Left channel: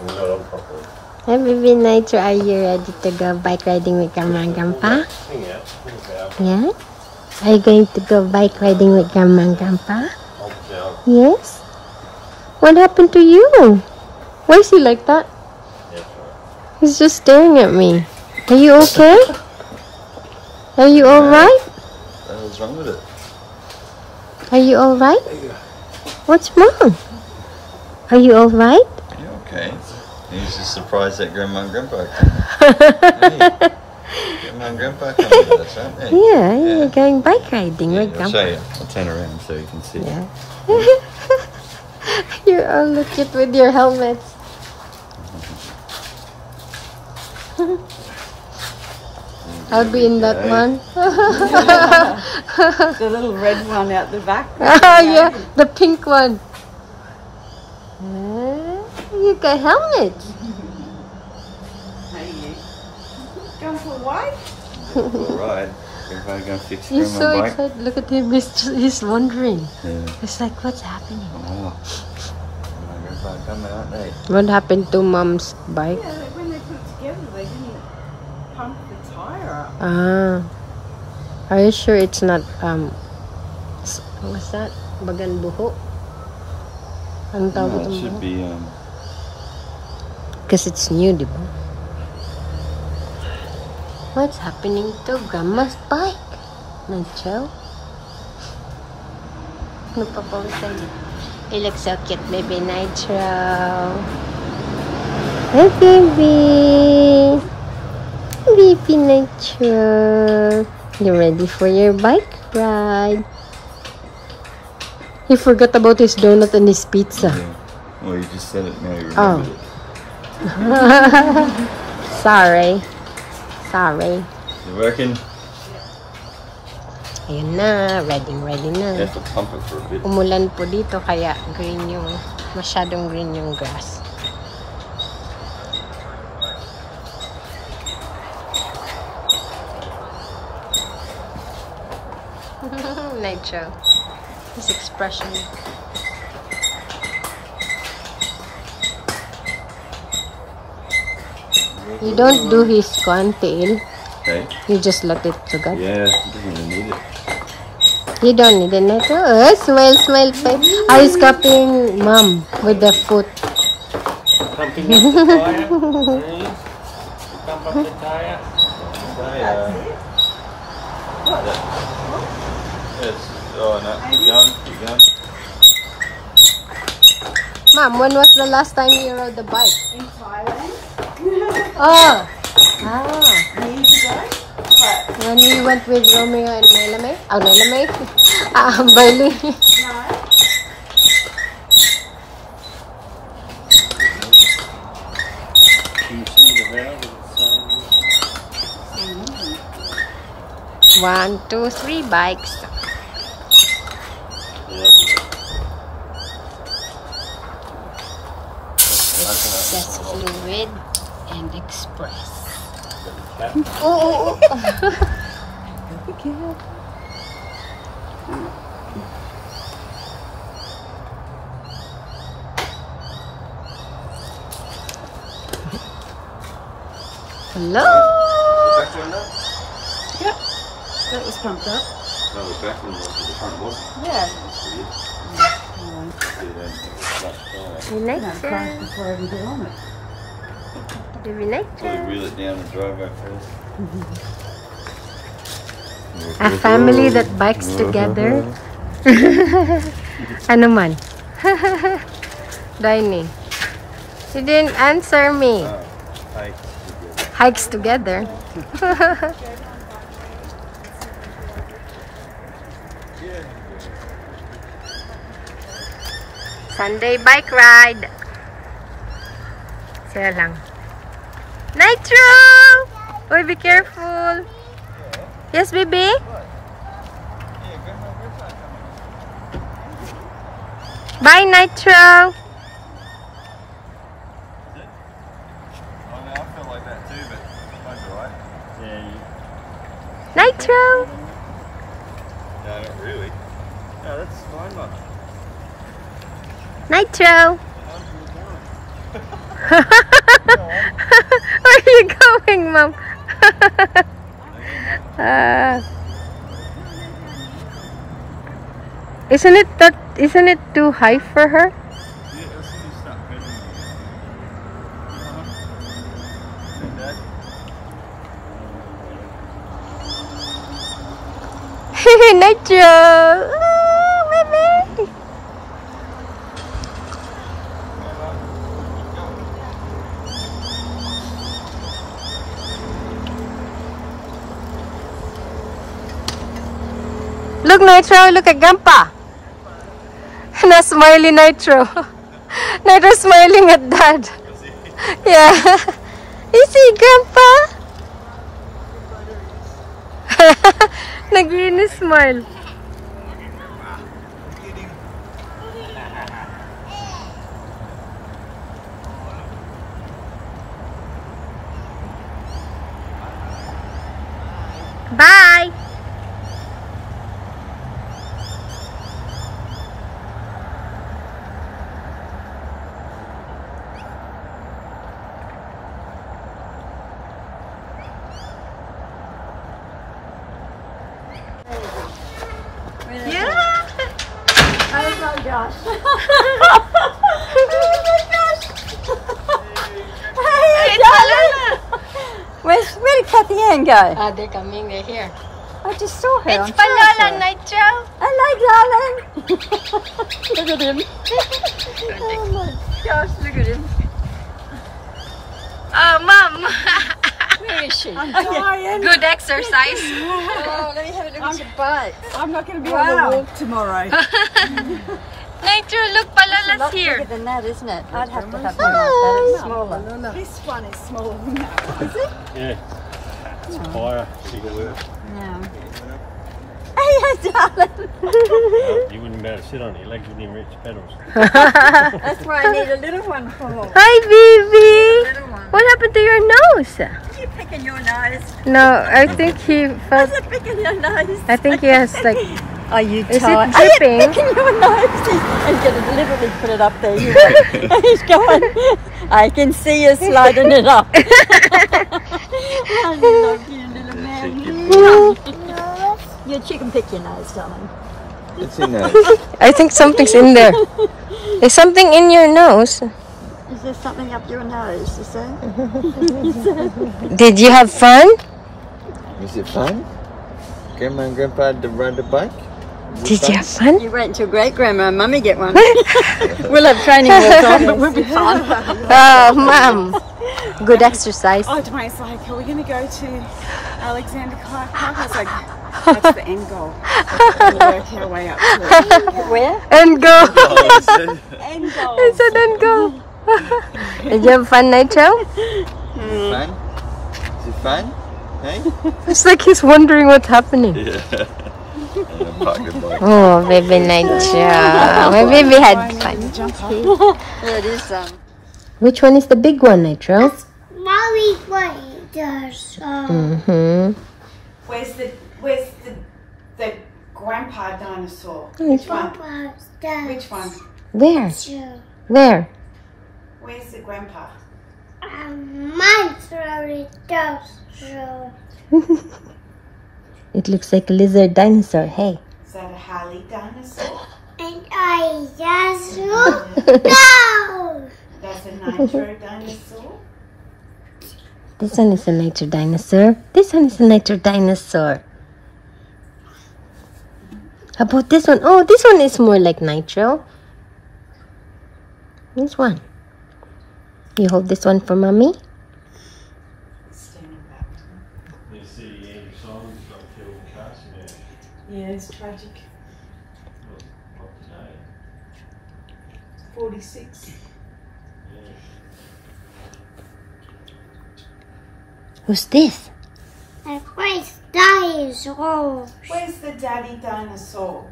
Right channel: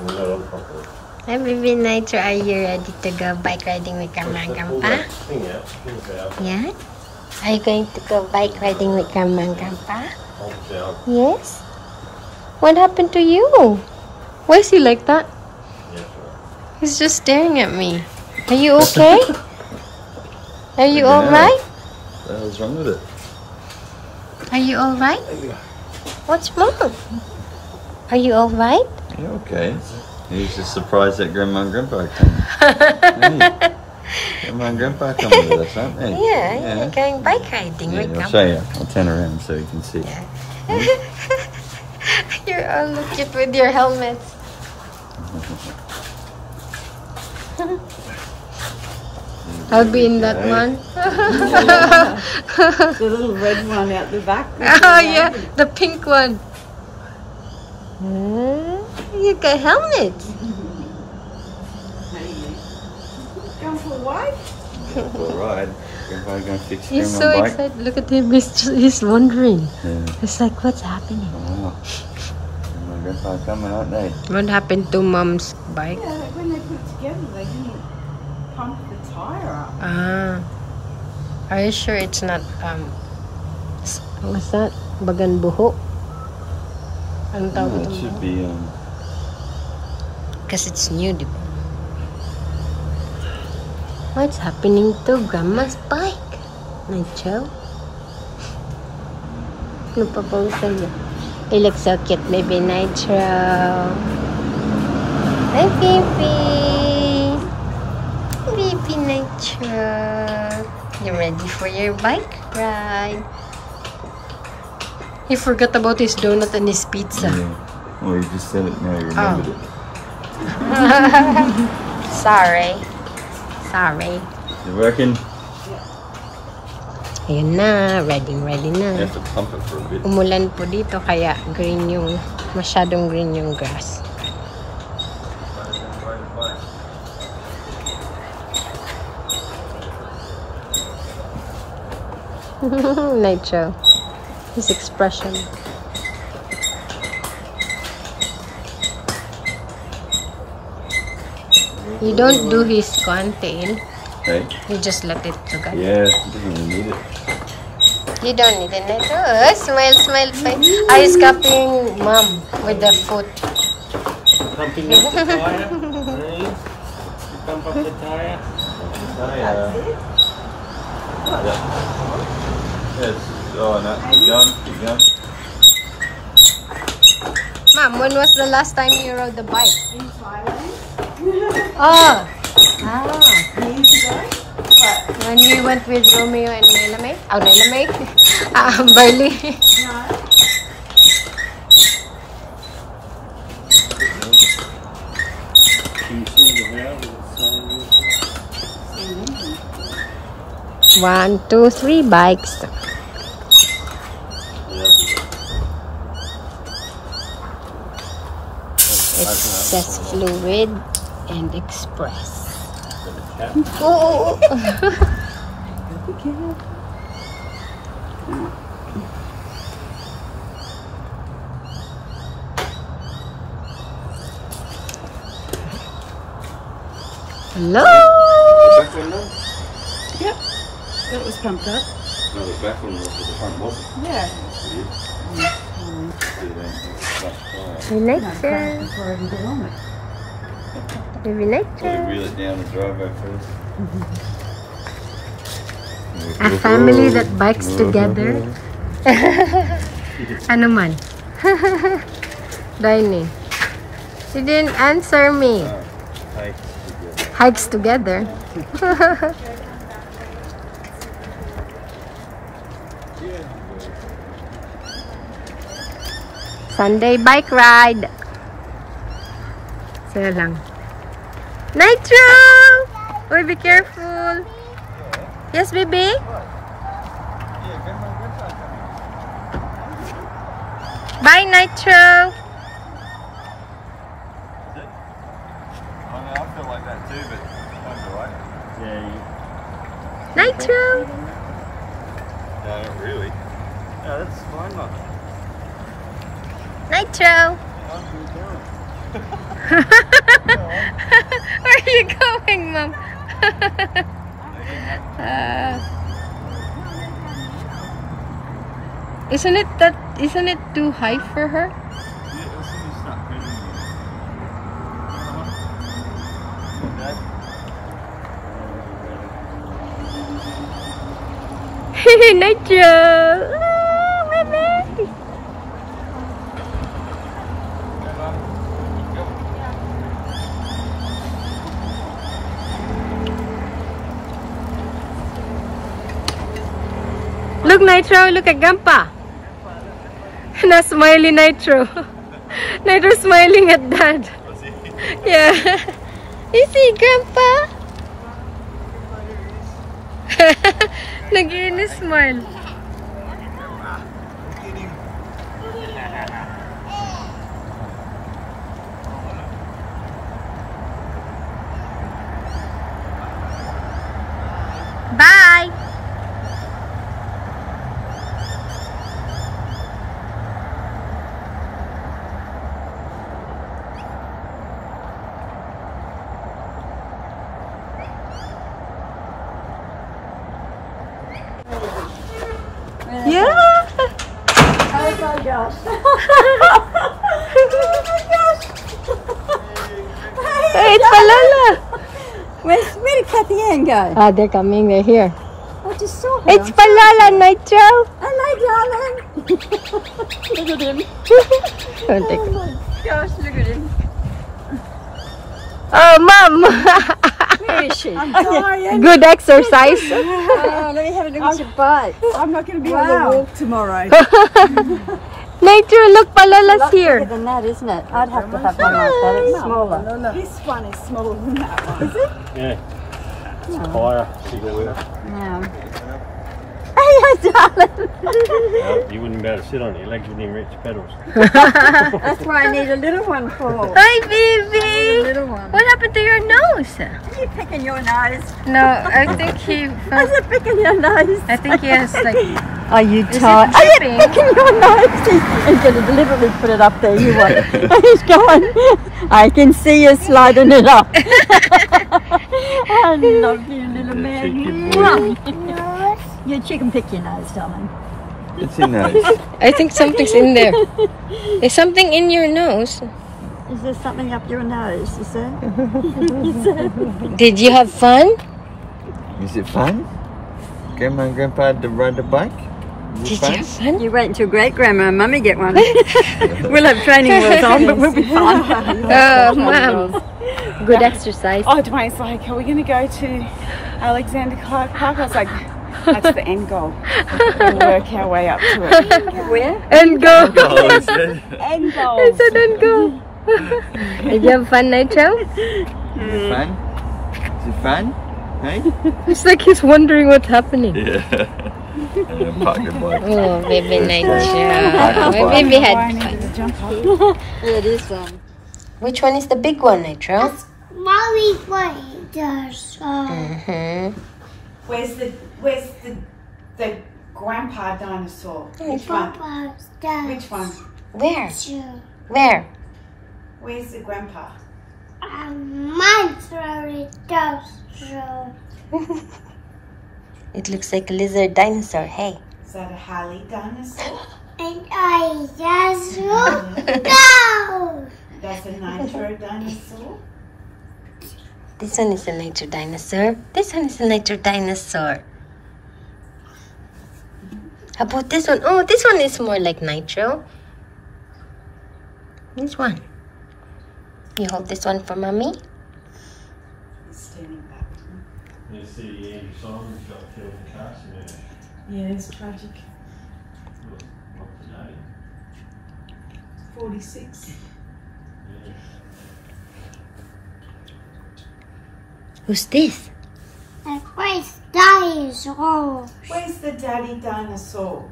Hey, baby Nitro, are you ready to go bike riding with Grandma and Grandpa? Yeah? Are you going to go bike riding with Grandma and Grandpa? Yes? What happened to you? Why is he like that? He's just staring at me. Are you okay? Are you alright? What's wrong with it? Are you alright? What's wrong? Are you alright? Yeah, okay. He's just surprised that Grandma and Grandpa come. Hey, Grandma and Grandpa come with us, aren't they? Yeah, you're going bike riding with I'll Grandpa. show you. I'll turn around so you can see. You're all look cute with your helmets. I'll be in that one. The little red one out the back. Oh yeah, the pink one. You got helmets. Hey, you. Going for a ride? For a ride. Grandpa gonna fix He's Grandma's so bike. excited. Look at him. He's wondering. Yeah. It's like, what's happening? Oh. Grandpa come out, they. What happened to Mom's bike? Yeah, like when they put it together, they didn't pump the tire up. Ah. Are you sure it's not, what's that? Bagan buho? Anong tawag No, it itong should bagan? be, Because it's new, di ba? What's happening to Grandma's bike? Nitro? Ano pa po sa'yo? You look so cute, baby Nitro. Hi, baby. Baby Nitro. You ready for your bike ride? He forgot about his donut and his pizza. yeah. Well, you just said it now, you remembered it. Sorry. Sorry. You working? Ayun na. Ready You na. have to pump it for a bit. Umulan po dito kaya green yung, masyadong green yung grass. Nitro. His expression. You don't do his tail. Okay. You just let it to go. Yeah, you don't really need it. You don't need a Nitro. Oh, smile, smile. He's copying Mom with the foot. Pumping up the tire. Hey, you pump up the tire. Tire. Yes. Oh, no. Keep going. Keep going. Mom, when was the last time you rode the bike? In Thailand? Oh! Ah! Years ago? But When we went with Romeo and Melamay? Oh, Melamay? Barley. Can you see the valve? One, two, three bikes. It says fluid and express. Oh! be careful. Hello! Back one now? Yep. That was pumped up. No, the back one was, but the front wasn't. Yeah. That's weird. So you don't have a flat tire. We like No, that. before I can get on it. We like Probably that. reel it down the driveway first. A family that bikes together. Ano man? Dining. You didn't answer me. Hikes together. Sunday bike ride. Sila lang. Nitro! Uy, be careful. Yes, baby? Bye, Nitro. I feel like that too, but might be right. Yeah. Nitro. No, not really. No, that's fine, man. Nitro. What are you doing? Where are you going, Mom? Isn't it too high for her? Nitro! Oh, baby! Look, Nitro, look at Grandpa. Na smiley Nitro. Nitro smiling at Dad. Yeah. You see, Grandpa? Nag-inis smile. Bye. Yeah. Oh my gosh. Hey, Palala. Where did Kathy Ann go? Ah, they're coming. They're here. I just saw her. It's Palala, Nitro. Hello, darling. Look at him. Don't take it. Gosh, look at him. Oh, Mom. Where is she? I'm dying. Good exercise. Oh, let me have a look at your butt. I'm not going to be able to walk tomorrow. Nitro, look, Palala's here. Bigger than that, isn't it? I'd have to have that. It's smaller. This one is smaller than that one. Is it? Yeah. It's higher. Yeah. Hey, darling. You wouldn't be able to sit on it. Your legs wouldn't even reach the pedals. That's why I need a little one for. Hi, baby. Little one. What happened to your nose? You're picking your nose. No, I think he felt. Is it picking your nose? I think he has like. Are you Is it tired? dripping? Picking your nose. He's going to deliberately put it up there. You won't. He's going. I can see you sliding it up. I love you, little man. Your chicken pick your nose, darling. It's in there. I think something's in there. There's something in your nose. Is there something up your nose? Is there? Did you have fun? Is it fun? Grandma and Grandpa had to ride the bike? Did you have fun? You wait until great grandma and mummy get one. We'll have training wheels on, but we'll be fun. Oh, Mom. Good exercise. Oh, Dwayne's like, are we going to go to Alexander Clark Park? I was like, that's the end goal. We'll work our way up to it. Where? And go. End goal. He said and go. Did you have fun, Nitro? Is it fun? Is it fun? Hey? It's like he's wondering what's happening. Yeah. Pocket bike. Oh, baby Nitro. My baby had fun. There it is. Which one is the big one, Nitro? Mommy does. Where's the grandpa dinosaur? Which one? Papa's does. Which one? Where? Sure. Where? Where's the grandpa? Mine's very does. So. It looks like a lizard dinosaur. Hey. Is that a Harley dinosaur? And I just go. That's a Nitro dinosaur? This one is a nature dinosaur. This one is a nature dinosaur. How about this one? Oh, this one is more like Nitro. This one. You hold this one for Mommy? Standing back. You see Andy Simon's got killed in a car accident. Yeah, it's tragic. What today? 46. Yeah. Who's this? And where's dinosaur? Where's the daddy dinosaur?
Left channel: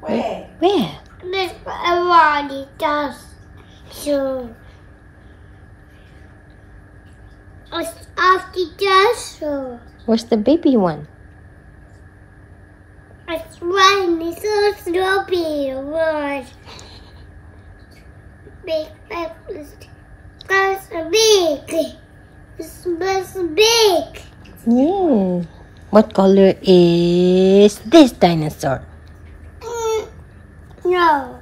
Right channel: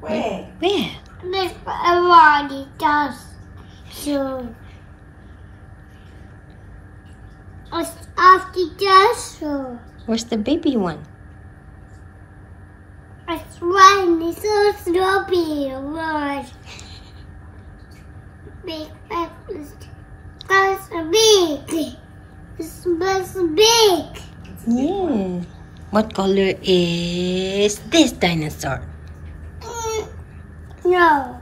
Where? Where? This everybody does. So. It's after dinosaur. Where's the baby one? It's one. It's a snowy word. Big breakfast. big. Yeah. What color is this dinosaur? No.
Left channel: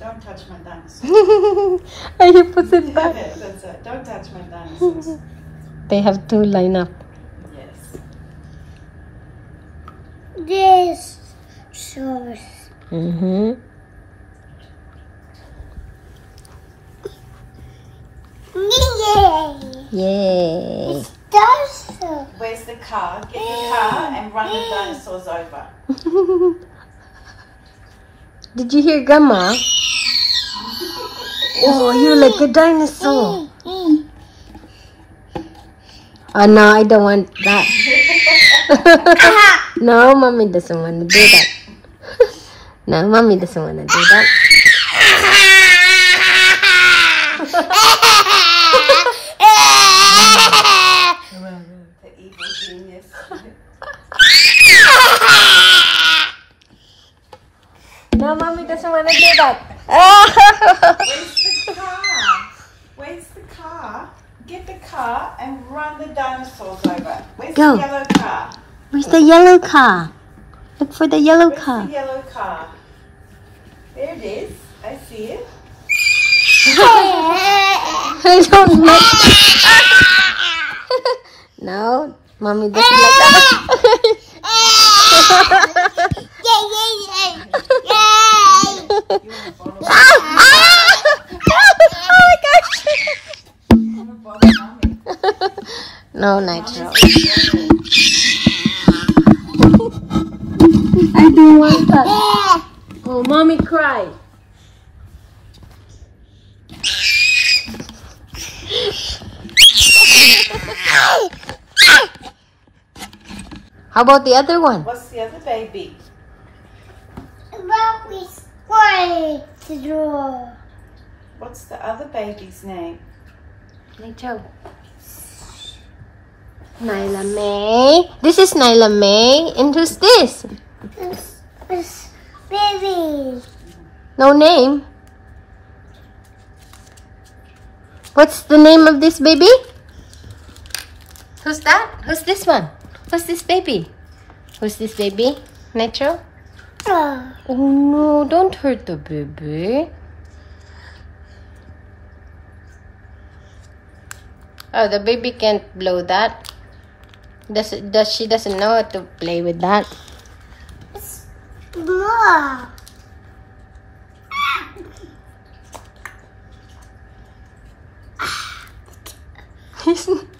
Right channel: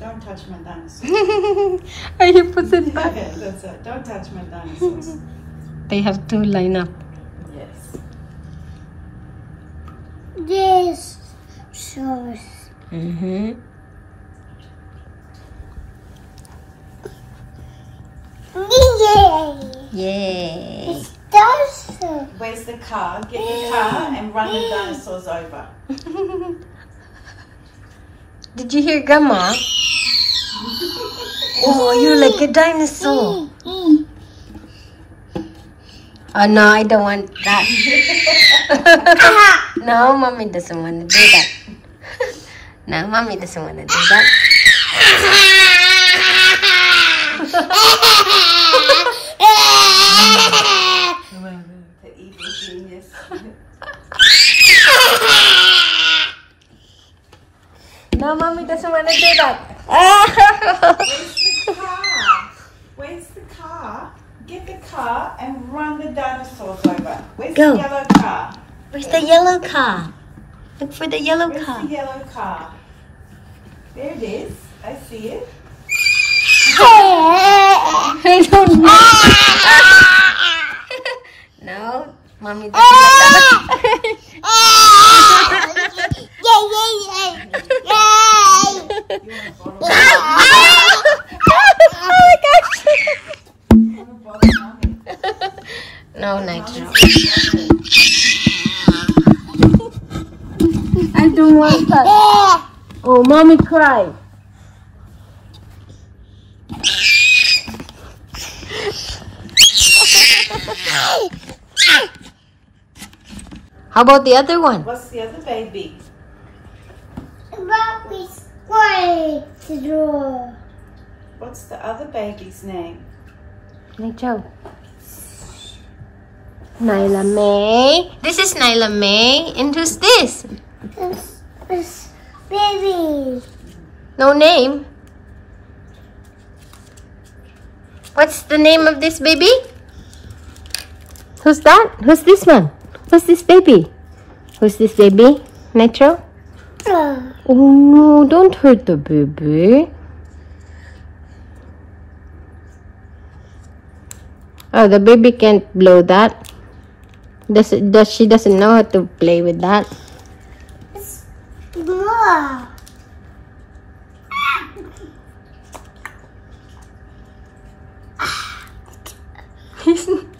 Don't touch my dinosaurs. Are you putting that? That's it. Don't touch my dinosaurs. They have to line up. Yes. This sauce. Mm-hmm. Yay. Yay. It's dinosaur. Where's the car? Get the car and run the dinosaurs over. Did you hear Grandma? Oh, you're like a dinosaur. Oh, no, I don't want that. No, Mommy doesn't want to do that. No, Mommy doesn't want to do that. The evil genius. No, Mommy doesn't want to do that. Where's the car? Where's the car? Get the car and run the dinosaurs over. Where's Go. the yellow car? Where's the yellow car? Look for the yellow Where's car. the yellow car? There it is. I see it. I don't like No, Mommy doesn't like that. No, Nitro. I don't want that. Oh, Mommy cried. How about the other one? What's the other baby? Mommy's going to draw. What's the other baby's name? Nitro. Nyla May. This is Nyla May. And who's this? This baby. No name. What's the name of this baby? Who's that? Who's this one? Who's this baby? Who's this baby? Nitro? Oh no, don't hurt the baby. Oh, the baby can't blow that. She doesn't know how to play with that. More.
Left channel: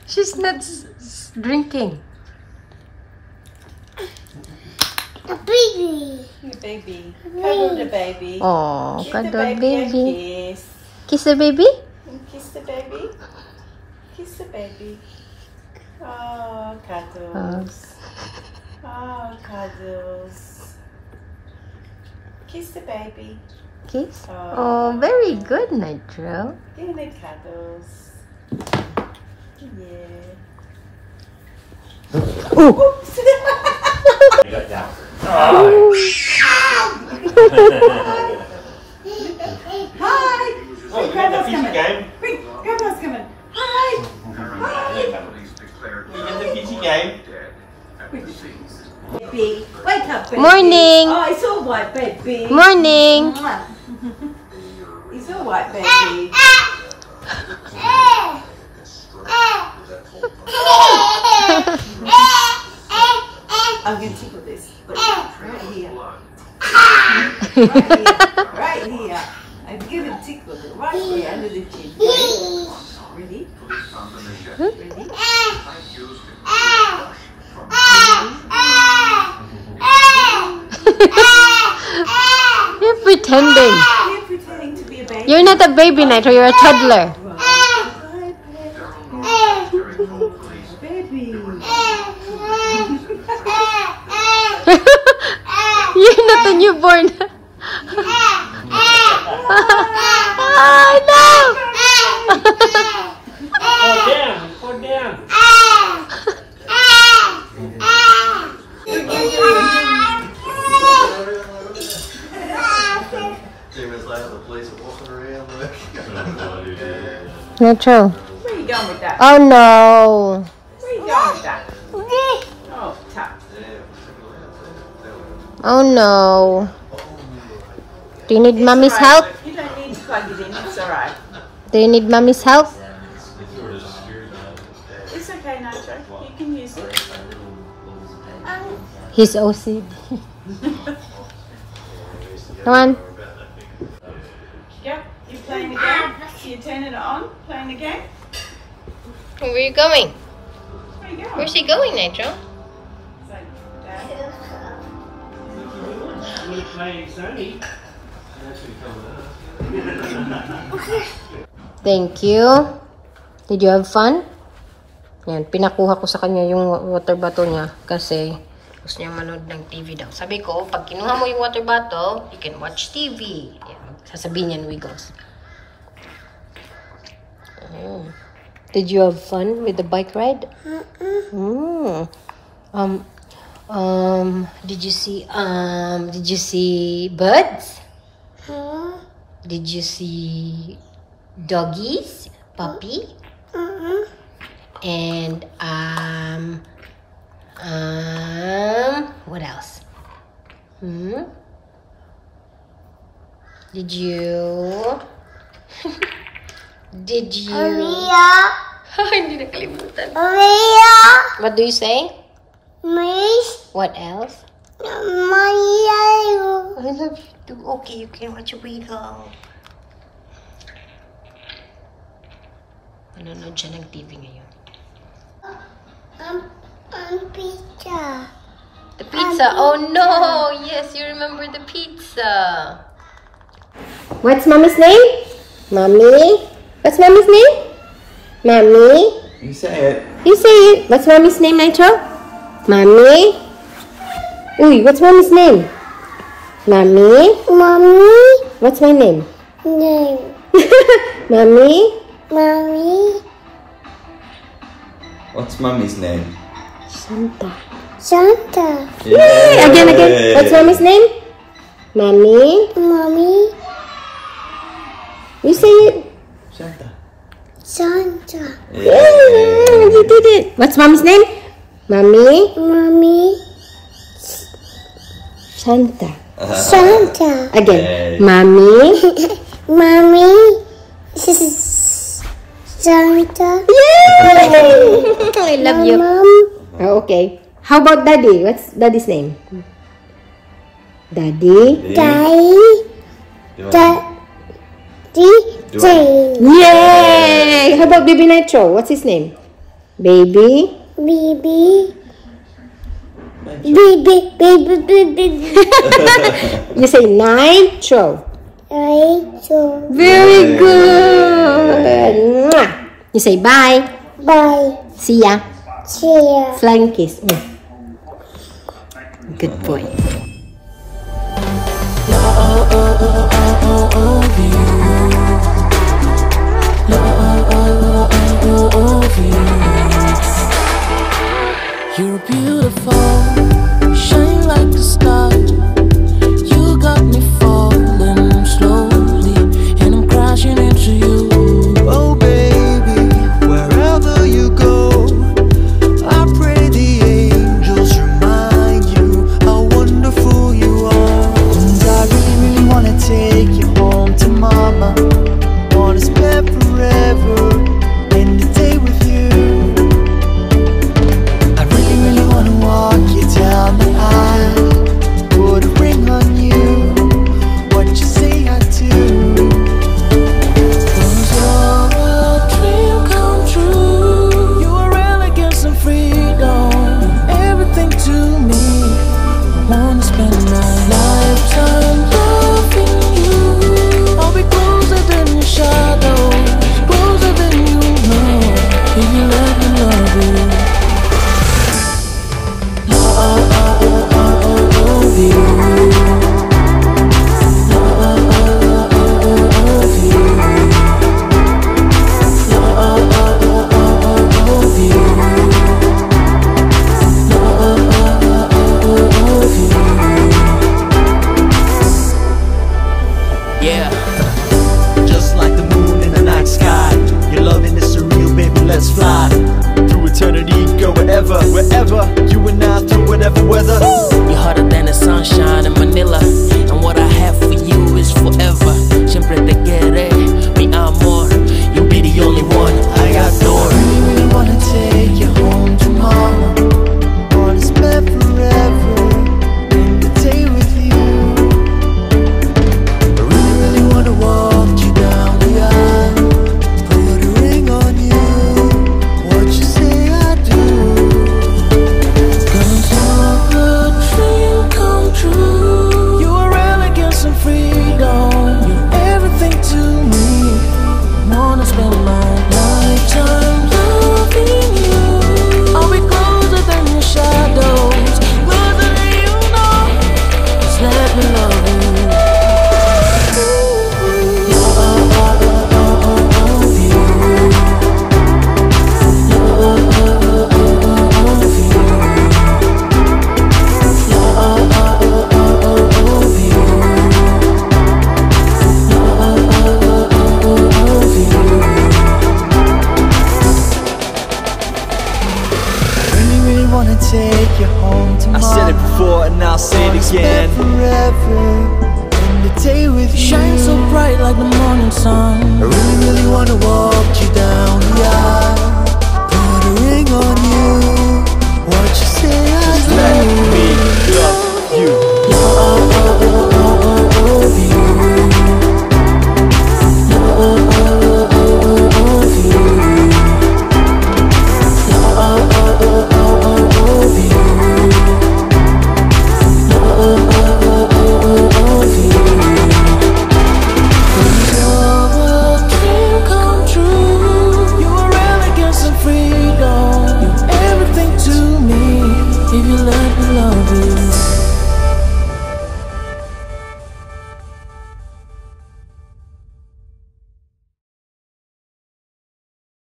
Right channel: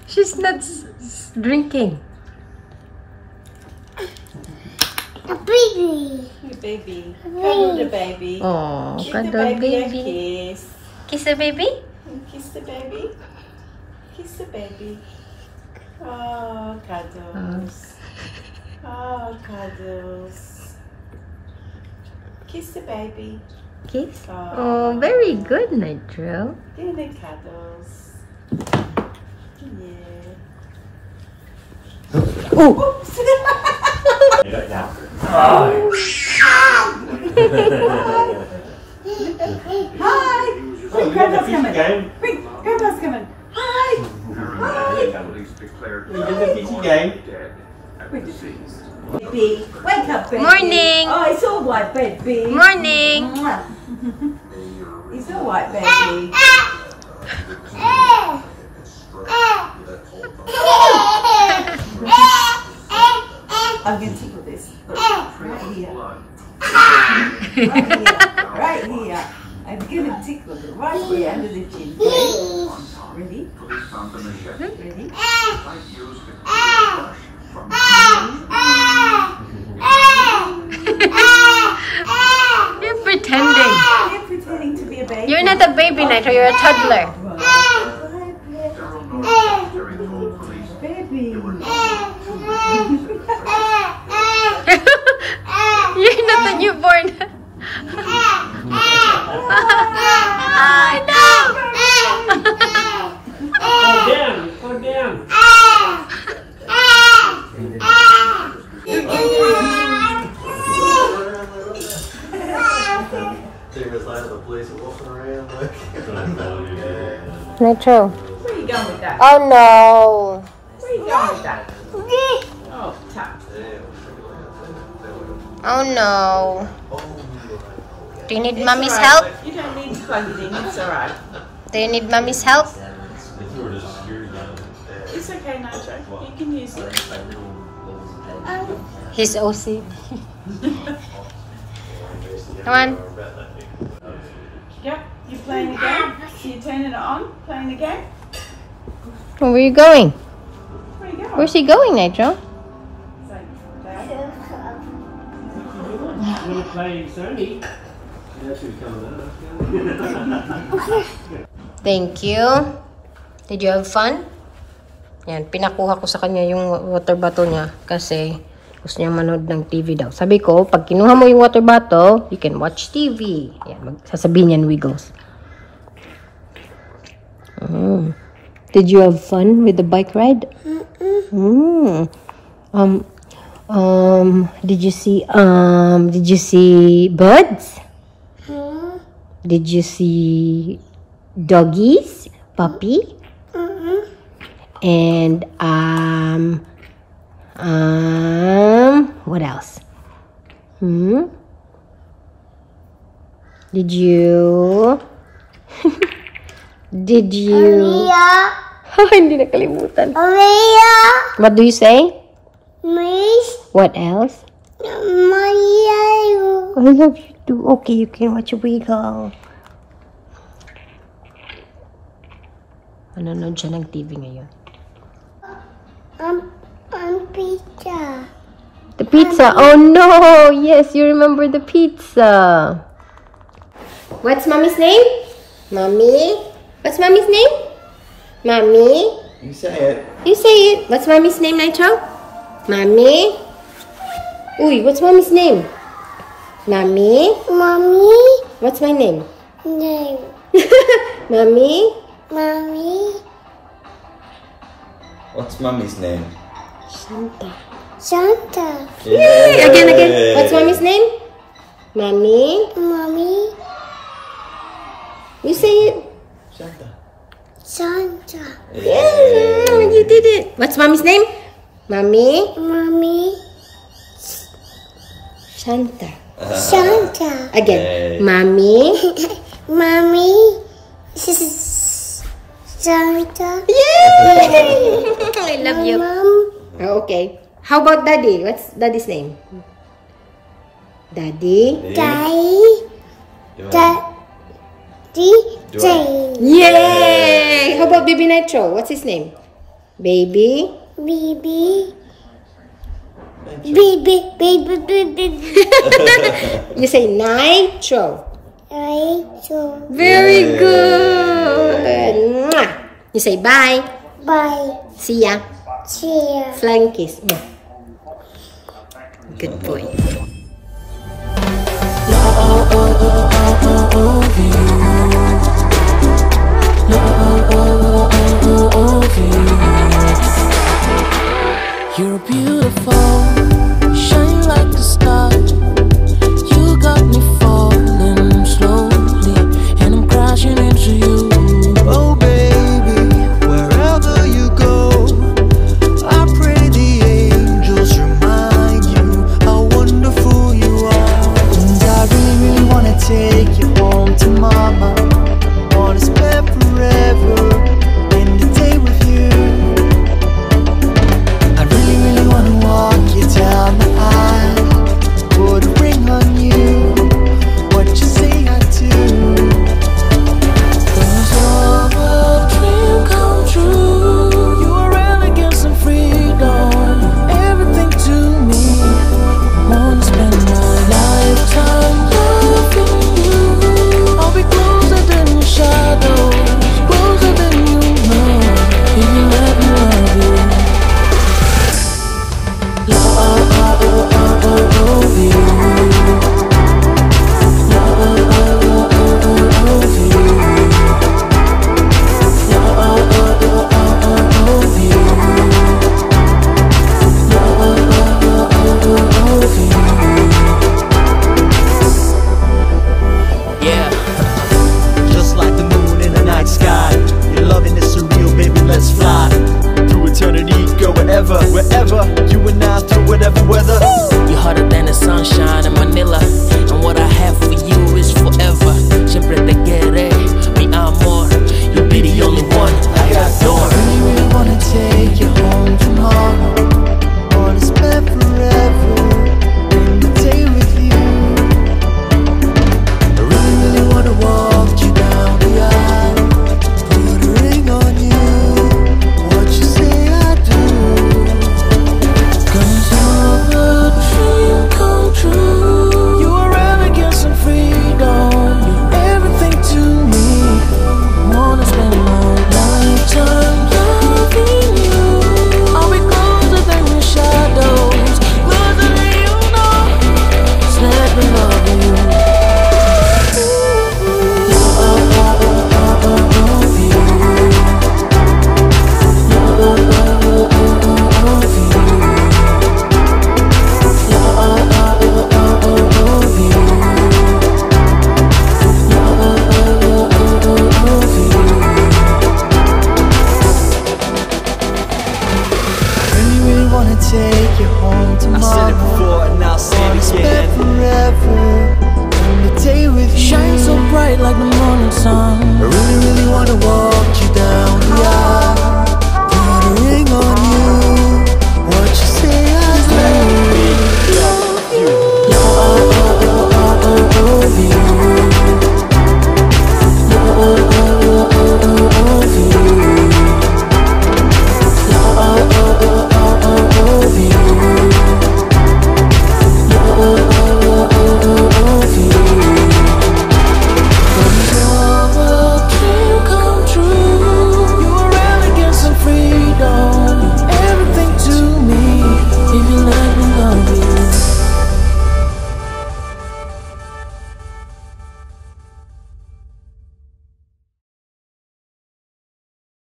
She's not drinking. A baby. Your baby. Cuddle the baby. Oh, Give cuddle the baby. A baby. kiss. Kiss the baby. Kiss the baby. Kiss the baby. Oh, cuddles. Oh, cuddles. Kiss the baby. Kiss. Oh, very good, Nitro. Give me cuddles. Yeah. Oops. Like that. Hi. Oh, we got the fishy game. Quick, Grandpa's coming. Hi. We got the fishy game. Baby, wake up, baby. Morning. Oh, it's all white, baby. Morning. It's all white, baby. I'm going to tickle this. Look, right here. Right here. I'm going to tickle it right here under the chin. Ready? Ready? You're pretending. You're pretending to be a baby. You're not a baby, Nitro. You're a toddler. Baby. You're not a newborn. Fall down. Fall down. Nitro. Where are you going with that? Oh no. Where are you going with that? Oh, tap. Oh no. Do you need mommy's help? You don't need to plug it in, it's alright. Do you need mommy's help? It's okay, Nacho. You can use it. He's OC. Come on. Yep, you're playing the game. So you turn it on, playing the game. Where are you going? Where you going? Where's he going, Nitro? So, Dad. We're playing Sony. Thank you. Did you have fun? Yan, pinakuha ko sa kanya yung water bottle niya kasi gusto niya manood ng TV daw. Sabi ko, pag kinuha mo yung water bottle, you can watch TV. Yan, sasabihin niyan, Wiggles. Did you have fun with the bike ride? Did you see birds? Did you see doggies, puppy? And what else? Did you hindi nakalimutan. What do you say? What else? I love you too. Okay, you can watch a Wiggle. Nanonood siya ng TV ngayon. Pizza. The pizza. Oh no! Yes, you remember the pizza. What's mommy's name? Mommy. What's mommy's name? Mommy. You say it. You say it. What's mommy's name, Nitro? Mommy. Uy, what's mommy's name? Mommy. Mommy. What's my name? No. Mommy. Mommy. What's Mummy's name? Shanta. Santa. Yay! Again. What's mommy's name? Mommy. Mommy. You say it. Shanta. Santa. Yeah, you did it. What's mommy's name? Mommy. Mommy. Shanta. Santa. Again. Yay. Mommy. Mommy. Santa. Yay! I love you. Mom. Oh, okay. How about Daddy? What's Daddy's name? Daddy. Daddy. Daddy. Yay! How about Baby Nitro? What's his name? Baby. Baby. Baby. You say Nitro. Nitro. Very good. Mwah. You say bye. Bye. See ya. Cheer. Flying kiss. Good boy. You're beautiful, shine like a star. You got me falling slowly, and I'm crashing into you. Oh baby, wherever you go, I pray the angels remind you how wonderful you are. And I really, really wanna take you home to mama. Wanna spend forever in the day with you. I really, really wanna forever, wherever you and I through whatever weather. You're hotter than the sunshine in Manila, and what I have for you is forever. Siempre te quiere, mi amor. You'll be the only one I adore. I really, really wanna take you home tomorrow. Wanna spend forever in the day with you. I really, really wanna walk you down the aisle, put a ring on you. What you say I do? 'Cause you're a dream come true. You are elegance and freedom. You're everything to me. I wanna spend my lifetime loving you. I'll be closer than your shadows, closer than you know. Just let me love you. Take you home tomorrow. I said it before and I'll say it again. Forever, and the day with you. Shine so bright like the morning sun. I really, really wanna walk